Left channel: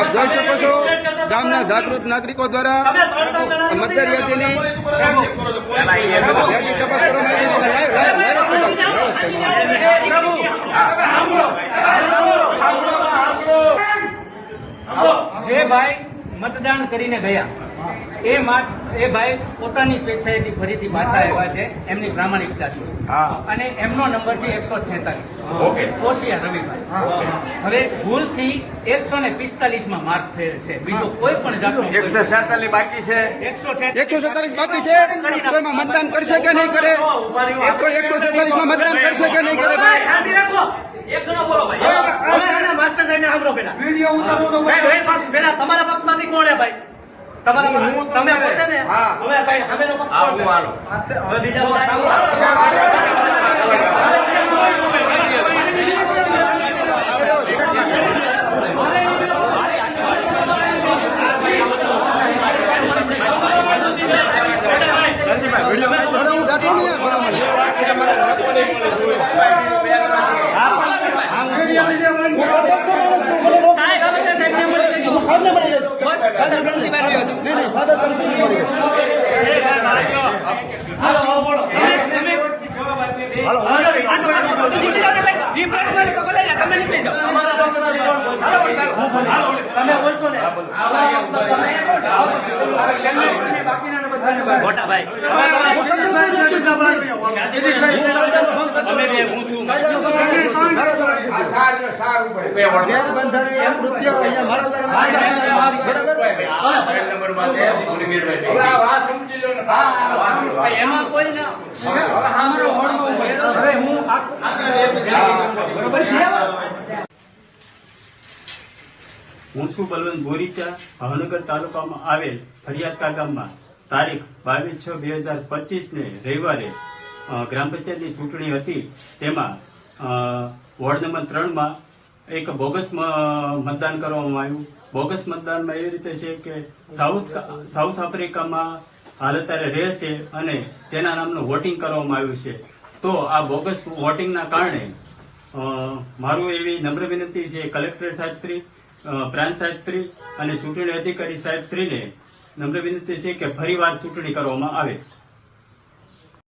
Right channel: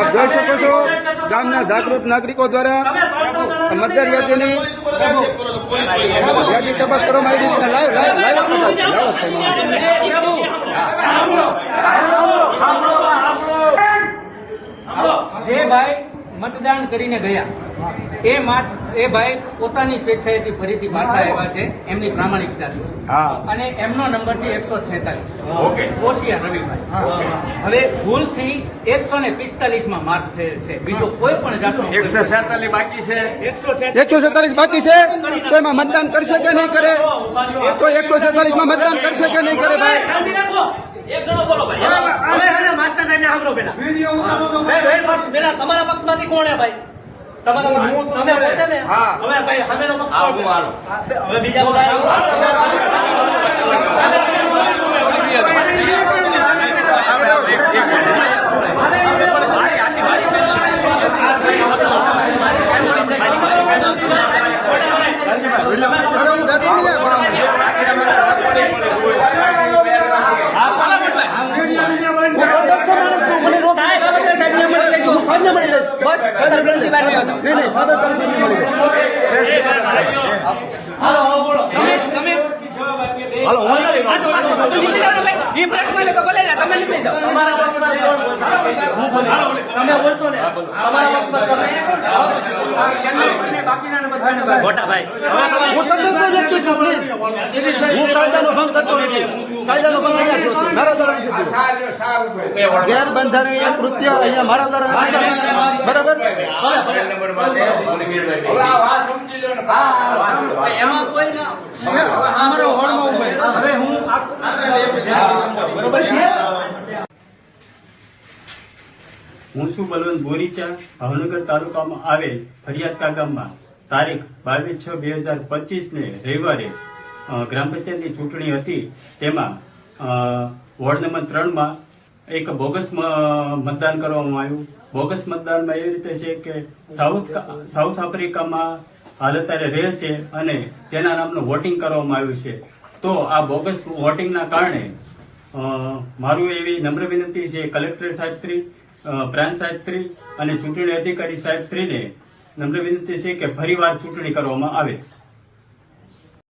આપ જોઈ શકો છો ગામના જાગૃત નાગરિકો દ્વારા મતદાર યાદીની યાદી તપાસ કરવામાં આવી છે. જે ભાઈ મતદાન કરીને ગયા એ ભાઈ પોતાની સ્વેચ્છાએથી ફરીથી પાછા આવ્યા છે એમની પ્રામાણિકતાથી અને એમનો નંબર છે 146 કોશિયા રવિભાઈ. હવે ભૂલથી 145 માં માર્ક થયેલ છે. બીજો કોઈ પણ જાતનો 147 બાકી છે. 147 બાકી છે. તો એમાં મતદાન કરશે કે નહીં કરે? કોઈ 147 માં મતદાન કરશે કે નહીં કરે? ભાઈ માસ્ટર સાહેબ ને સાંભળો પેલા તમારા પક્ષમાંથી કોણ હે ભાઈ? તમારા તમે પોતે ને હવે ભાઈ સામેનો પક્ષ હવે બીજા ગેરબંધારણીય કૃત્ય અહીંયા મારા દ્વારા બરાબર. હું છું બલવંત બોરીચા, ભાવનગર તાલુકામાં આવેલ ફરિયાદકા ગામમાં તારીખ 22/6/2025 ને રવિવારે ગ્રામ પંચાયતની ચૂંટણી હતી. તેમાં વોર્ડ નંબર 3 માં એક બોગસ મતદાન કરવામાં આવ્યું. બોગસ મતદાનમાં એ રીતે છે કે સાઉથ આફ્રિકામાં હાલ અત્યારે રહે છે અને તેના નામનું વોટિંગ કરવામાં આવ્યું છે. તો આ બોગસ વોટિંગના કારણે મારું એવી નમ્ર વિનંતી છે કલેક્ટર સાહેબશ્રી, પ્રાંત સાહેબશ્રી અને ચૂંટણી અધિકારી સાહેબશ્રીને નમ્ર વિનંતી છે કે ફરીવાર ચૂંટણી કરવામાં આવે.